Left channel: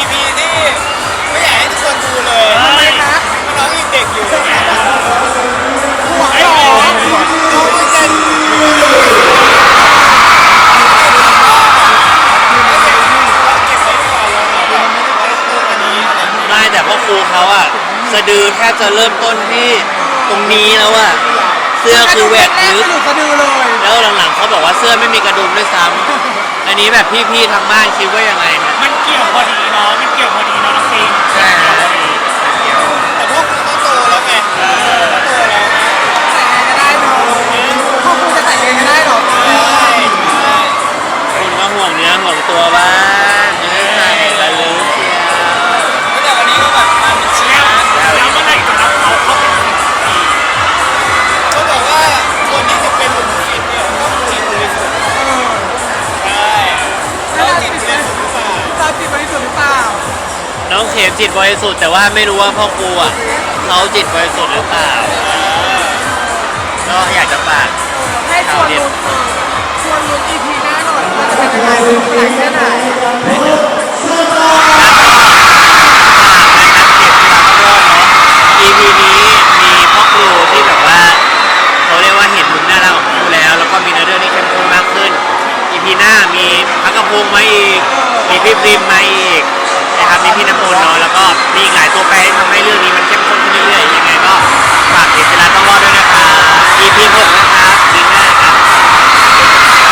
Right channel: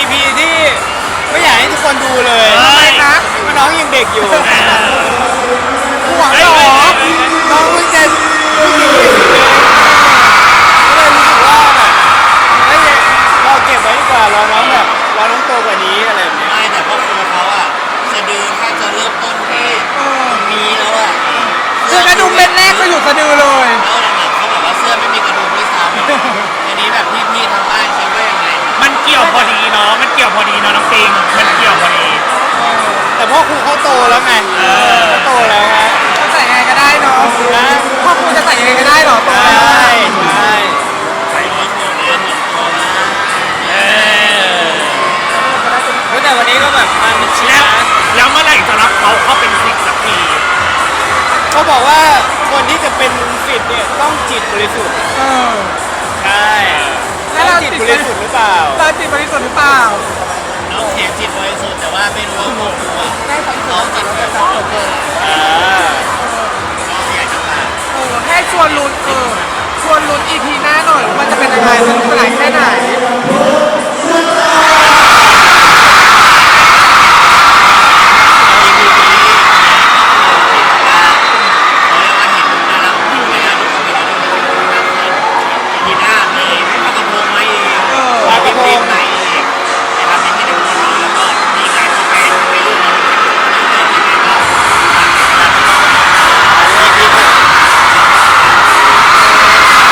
EP ที่ไม่อยากให้ทุกคนดูเลยเพราะน้องยังเด็กอยู่ น้องเพิ่งจะก็เลยรู้สึกว่าแบบไม่อยากเอาเก็บไว้ดีกว่าเราน้องแบบเราน้องโตกว่านี้อะไรแบบนี้ไม่แต่พ่อครูเขาอะสะดือแทบจะเริ่มต้นที่ตรงนี้แล้วอะเสื้อคือแหวกลึกแล้วหลังๆเขาบอกว่าเสื้อไม่มีกระดุมด้วยซ้ำอันนี้แบบพี่ๆทางบ้านคิดว่ายังไง แต่พ่อครูเขาโตแล้วไงเขาโตแล้วฮะนะใช่ใช่คุณก็ห่วงเนื้อห่วงตัวบ้างเนื้อใส่ตะลุเชียวแต่วันนี้ก็แบบมามิดชิดนะแล้วเมื่อไหร่จะรับเขาบอกว่าคนที่จะเป็นลุงศิษย์เนี่ยต้องจิตบริสุทธิ์ใช่เขาจิตบริสุทธิ์หรือเปล่าน้อ น้องเข็มจิตบริสุทธิ์แต่ว่าไม่รู้ว่าพ่อครูอะเขาจิตบริสุทธิ์หรือเปล่าอ่าก็อยากจะฝากชาวเน็ต EP นี้มีพ่อครูที่แบบว่าเขาเรียกว่าเห็นมุมหน้าเราของพ่อครูแล้วแล้วก็มีเนื้อเรื่องที่เข้มข้นมากขึ้น EP หน้ามีพักกระพงษ์มาอีกมีพี่ปริมมา มีอีกหลายตัวแปรที่ทำให้เรื่องนี้มันเข้มข้นขึ้นเรื่อย